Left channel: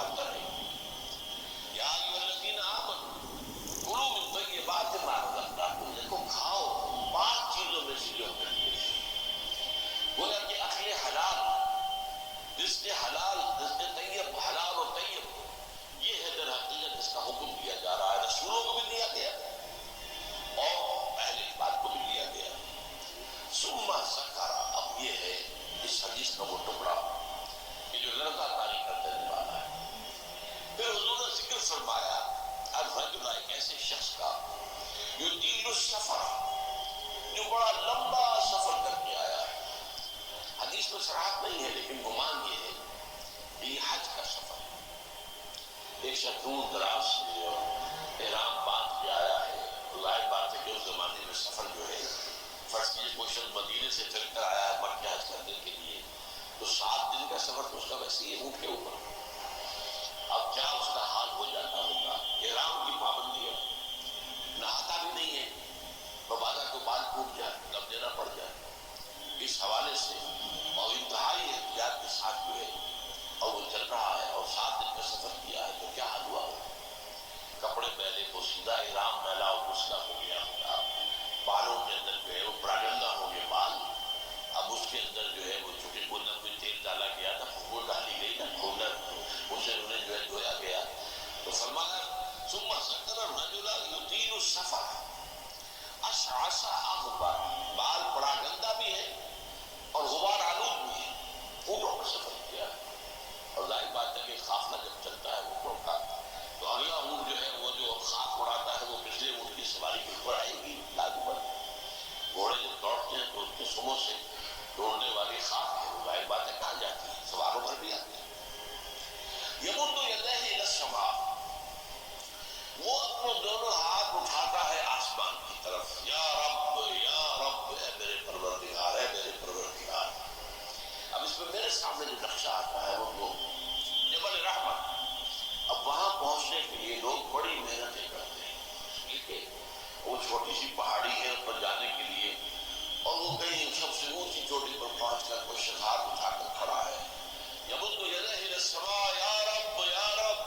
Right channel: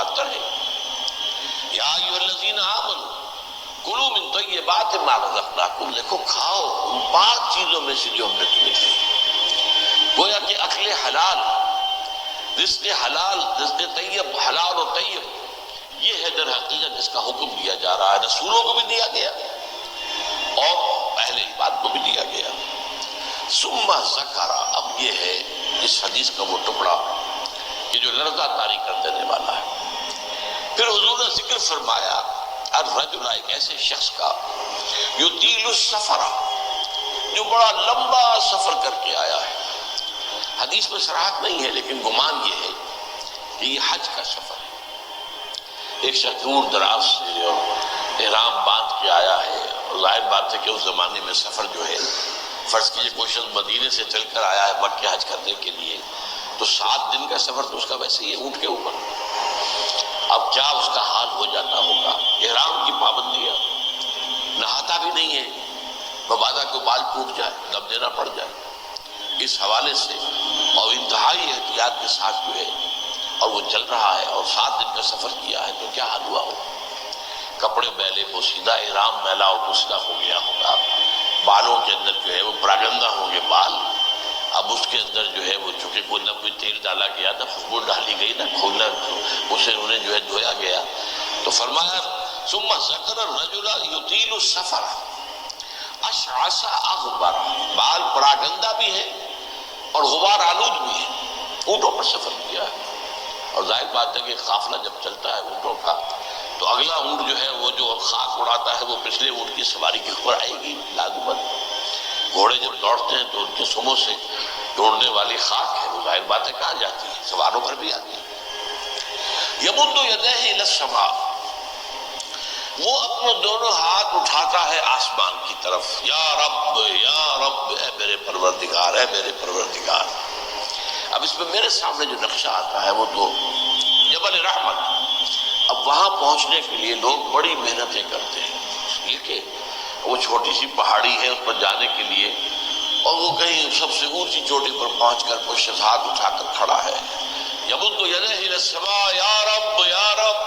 72 ہے۔ یا ایھا الذین آمنوا کلوا من طیبات ما رزقناکم، دیکھو کھاؤ ان پاک چیزوں میں سے جو ہم نے تمہیں دی۔ گویا کہ اکل حلال، رزق حلال، رزق طیب، حلال و طیب، یہ ہے در حقیقت اس کا حکم دیا جا رہا ہے، رسولوں کو بھی دیا گیا اور اہل عبادت کو بھی دیا گیا۔ ثم ذکر، اب یہ ہے اس حدیث کا وہ ٹکڑا کہ جو لرزہ طاری کر دینے والا ہے۔ پھر حضور نے ذکر فرمایا الرجل، ایک ایسے شخص کا یطیل السفر، جو بڑا لمبا سفر کر کے آیا ہے۔ حدیث میں صراحت نہیں ہے لیکن گمان یہ ہے کہ یہ حج کا سفر ہے۔ ایک شخص دور دراز سے اور احرام باندھ کے آیا ہے، اور ظاہر بات ہے کہ اس زمانے میں سفر جو ہے، فرض کیجئے کوئی شخص مدینے سے چل کر آیا ہے مکہ حج کرنے کے لیے، تو 7 دن کا سفر تو اس کا ویسے ہی ہے اونٹ کے اوپر۔ اب کیا اس کا حال ہو جاتا ہوگا، احرام کی پابندیاں، نہاتا بھی نہیں ہے، مبادا کو بال ٹوٹ جائے، دم دینا پڑ جائے، اس حوالے سے اور انتہائی احتیاط کے ساتھ جو ہے اور وہ چل رہا ہے اور 7 دن کا سفر کیا ہے، تو کیا حال ہوا ہو؟ کپڑے میلے، پوشیدہ، احرام میلا اور پوشیدہ ہو گیا ہوگا، بالوں کے اندر جو ہے وہ پراگندہ ہوں گے بال، اب اس کے اندر جو ہے وہ چونکہ کوئی نہ کوئی تیل ڈالا گیا تھا، خوشبو ڈالی گئی نہ کھولنا، اسے انہیں جو ہے دھویا گیا۔ تو فرمایا ثم ذکر الرجل یطیل السفر اشعث اغبر، بال پراگندہ بھی ہے اور غبار آلود بھی ہے، اونٹوں پر سفر کیا ہے۔ اور ظاہر بات ہے کہ قافلہ جب چلتا ہے اونٹوں کا تو اگلا اونٹ جو ہے وہ جو خاک اڑاتا ہے وہ پچھلے اونٹ کی سواری کے اوپر آئے گی لازماً۔ گھوڑے جب دوڑتے ہیں تو ان کے سموں سے دوڑنے والی خاک ہے، وہ ظاہر بات ہے کہاں جاتی ہے، سواروں پر بھی آتی ہے۔ یمد یدیہ الی السماء، وہ اپنے دونوں ہاتھ اٹھاتا ہے آسمان کی طرف، یا رب اے میرے پروردگار، اے میرے پروردگار۔ اب اس میں میرے سامنے جو نقشہ آتا ہے وہ تو جبل رحمت۔ اب وہاں پہنچنے کے لیے لوگ بڑی محنتیں کرتے ہیں، اس لیے کہ وہ چھوٹی سی پہاڑی ہے، اس پر جانے کے لیے، اور وہ کہیں سب سے اونچی چوٹی پر پہنچ کر پشت ہاتھ اٹھا کر کھڑا ہے، یمد یدیہ الی السماء، یا رب یا رب۔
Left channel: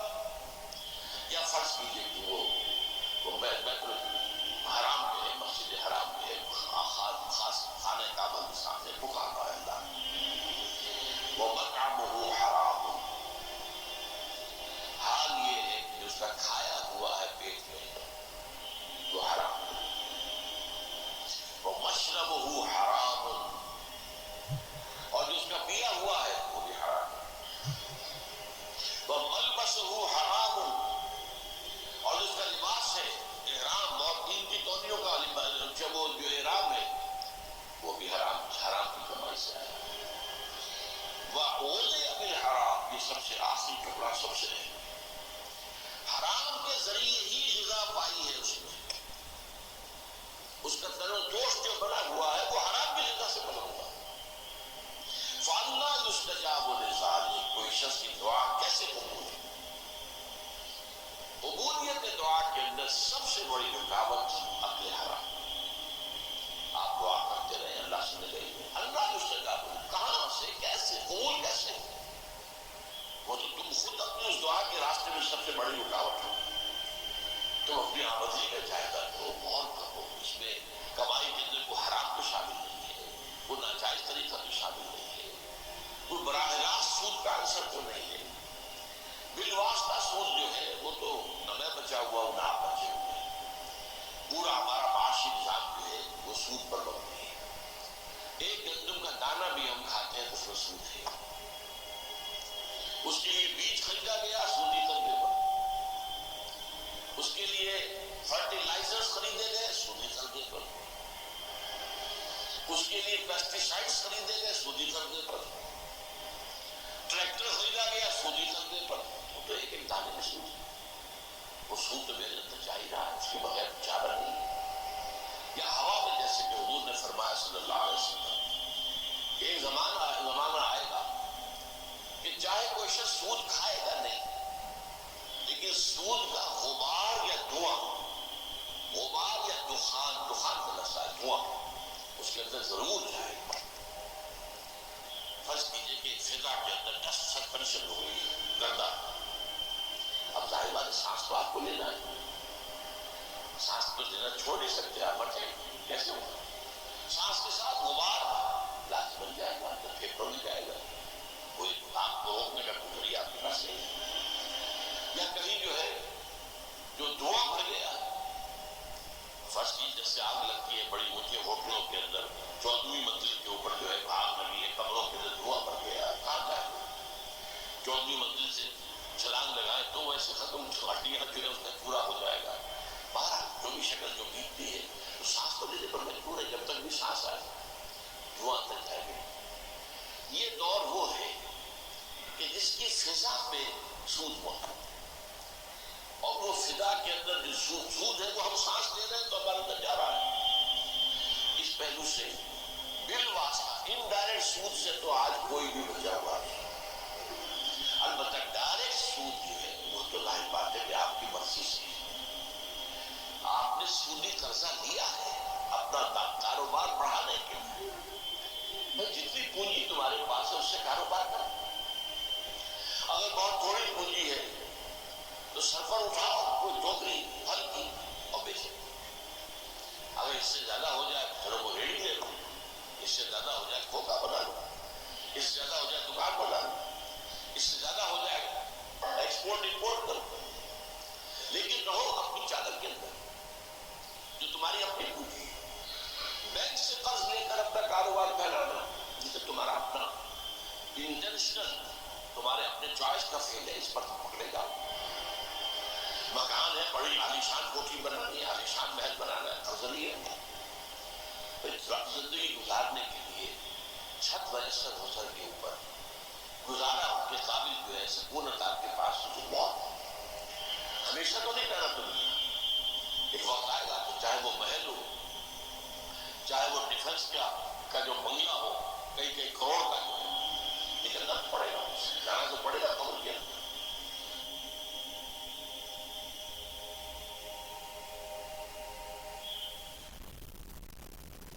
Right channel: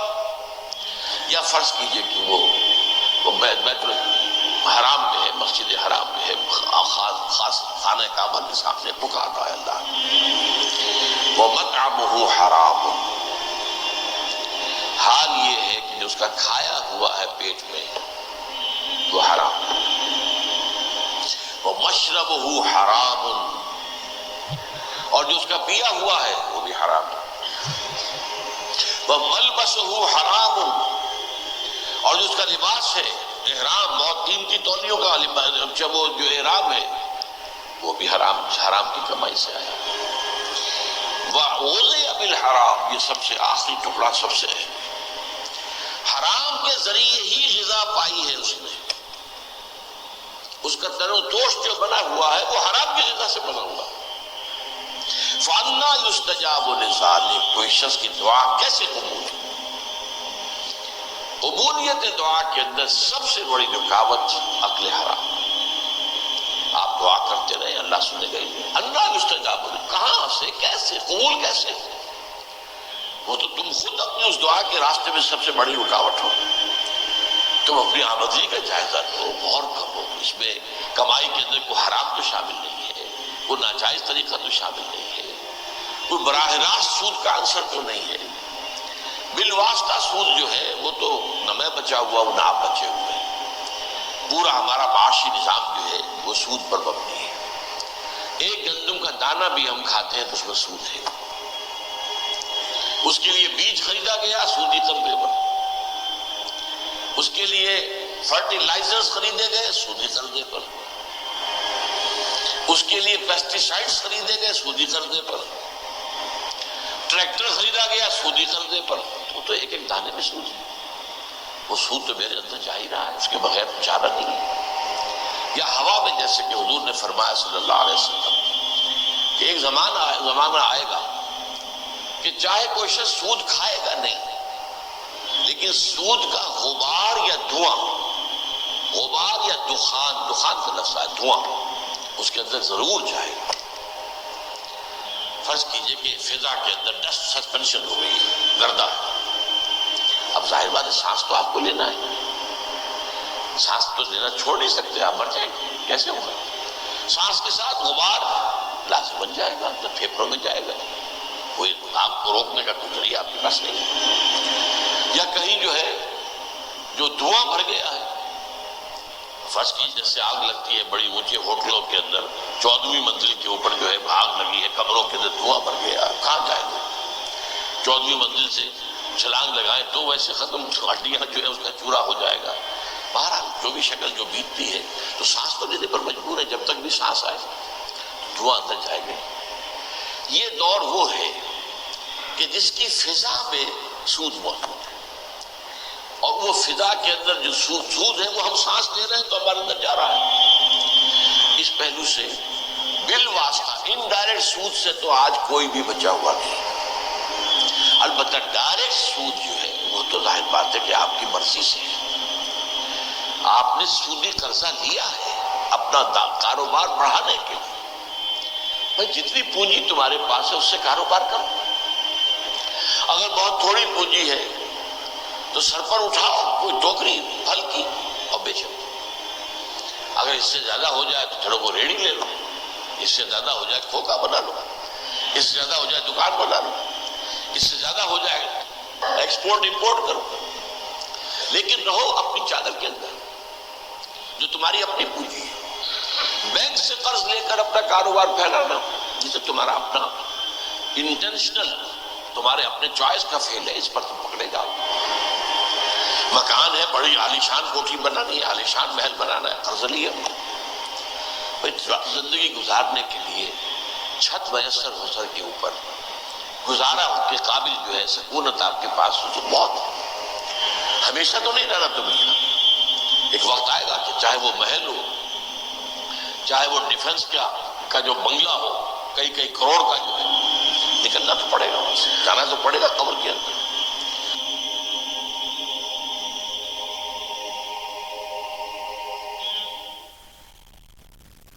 یا فرض کیجئے کہ وہ بیت الحرام میں ہے، مسجد حرام میں ہے، خاص خانہ کعبہ کے سامنے پکارتا ہے اللہ، وَمَطْعَمُهُ حَرَامٌ، حال یہ ہے کہ جو اس کا کھایا ہوا ہے پیٹ میں وہ حرام ہے، وَمَشْرَبُهُ حَرَامٌ، اور جو اس کا پیا ہوا ہے وہ بھی حرام ہے، وَمَلْبَسُهُ حَرَامٌ، اور جو اس کا لباس ہے، احرام، بہت قیمتی تولیوں کا لباس، جب وہ جو احرام ہے وہ بھی حرام کی کمائی سے آیا۔ وَغُذِيَ بِالْحَرَامِ، یہ سب سے آخری ٹکڑا سب سے ہے، حرام کے ذریعے ہی غذا پائی ہے اس نے، اس کا تن و توش جو بنا ہوا ہے وہ حرام کی غذا سے بنا ہوا ہے۔ فَأَنَّىٰ يُسْتَجَابُ لِذَٰلِكَ، کوئی شخص کی دعا کیسے قبول ہے؟ قبولیت دعا کے اندر سب سے بڑی رکاوٹ اکل حرام۔ آپ دعا کرتے رہے، اللہ سنے گا ہی۔ اللہ یستجاب، کہاں سے، کیسے، قبول کیسے؟ وہ تو تم خود اپنے اس دعا کے راستے میں سب سے بڑی رکاوٹ ہو۔ تم اپنی آمدنی کا جائزہ لو، غور کرو، اس میں کمائی کے اندر کوئی حرام تو شامل نہیں ہے، کوئی ناجائز طریقہ تو شامل نہیں ہے، کوئی براہ راست سود کا عنصر تو نہیں ہے، بالواسطہ سود جو ہے وہ تو نہ میں بچا ہوا ہوں نہ آپ بچے ہوئے، پورا ہمارا معاشی نظام جو ہے وہ سود پر مبنی ہے۔ ایک گندم کا دانہ بھی ہم کھاتے ہیں تو اس میں سود ہے، اس کے لیے بیج خریدا گیا سودی قرضے پر، اس کے لیے فرٹیلائزرز خریدے گئے سودی قرضے پر، اس کے لیے پیسٹیسائڈز خریدے گئے سودی قرضے پر، ٹریکٹر خریدا گیا سودی قرضے پر، تو ایک ایک دانے میں سود ہے۔ وہ سود تو میرے اندر جا ہی رہا ہے، اس کے بغیر چارہ نہیں ہے۔ یا ہوا میں، جیسے کہ حضور نے فرمایا صلی اللہ علیہ وسلم کہ ایک زمانہ آئے گا کہ چاہے کوئی شخص سود کھائے گا نہیں، لیکن سود کا غبار یا دھواں، غبار یا دخان کا لفظ ہے دھواں، اس کے اندر ضرور جائے گا۔ فرض کیجئے کہ فضا کے اندر ڈسٹ سسپینشن ہو گئی ہے، گردہ، ظاہر بات ہے سانس تو آپ کو لینا ہے، سانس تو لینا چھوڑ نہیں سکتے، آپ مر جائیں گے، کیسے ہوگا؟ سانس کے ساتھ غبار لازم بن جائے گا، تو پھیپھڑوں میں جائے گا، کوئی آپ کو روکنے کا کوئی ذریعہ آپ کے پاس نہیں ہے۔ یا کہیں جو ہے جو دھواں بھر گیا ہے، فرض کی جیسے آگ لگتی ہے بڑی اونچے ہوٹلوں کے اندر، 14ویں منزل کے اوپر جو ہے آگ لگی ہے، کمروں کے اندر دھواں بھر گیا، کہاں جائے گا؟ 14ویں منزل سے چھلانگ لگائیں تو ویسے ختم، ہڈیاں جو ہے اس کا چورا ہو جائے گا۔ بہرحال جو بھی شکل جو بیتتی ہے تو سانس تو لینے پر مجبور ہے، جب تک بھی سانس آئے دھواں اندر جائے گا۔ یہ دور وہ ہے کہ جس کی فضا میں سود موجود ہے، اور وہ فضا کے اندر جو سود ہے وہ ہم سانس لے رہے ہیں تو ہمارے اندر جا رہا ہے۔ اس پہلو سے بالواسطہ انڈائریکٹ سود سے تو آج کوئی بھی بچا ہوا نہیں، البتہ ڈائریکٹ سود جو ہے وہ تو ظاہر بات ہے کہ آپ کی مرضی سے ہے۔ آپ نے سودی قرضہ لیا ہے اپنا کاروبار بڑھانے کے لیے، بھائی جتنی پونجی تمہارے پاس ہے اس سے کاروبار کرو، اگر بہت تھوڑی پونجی ہے تو سر پر اٹھاؤ کوئی ٹوکری پھل کی اور بیچو، اگر اس سے زیادہ ہو جائے تو چلو وہ ریڑھی لے لو، اس سے زیادہ ہو جائے کھوکا بنا لو، اس سے زیادہ ہو جائے دکان بنا لو، اس سے زیادہ ہو جائے ایکسپورٹ امپورٹ کرو، لیکن رہو اپنی چادر کے اندر جو تمہاری اپنی پونجی ہے۔ بینک سے قرض لے کر اپنا کاروبار پھیلانا جسے تمہارا اپنا انٹینشنل تمہارے اپنے چوائس کا فیل ہے، اس پر تم پکڑے جاؤ۔ مکان ہے، بڑی عالیشان کوٹھی بنانی ہے، عالیشان محل بنانا ہے، قرض لیا، زندگی گزارنے کے لیے چھت میسر ہو سر کے اوپر گزارا کے قابل جو ہے سکونت آپ کے پاس ہو تو بہت ہے۔ ہمیشہ تو نہیں رہنا تم نے، ایک وقت آئے گا کہ چاہے وہ محل ہو، چاہے وہ ڈیفنس کا جو بنگلہ ہو، کئی کروڑ کا جو ہے، نکلنا تو پڑے گا، جانا تو پڑے گا قبر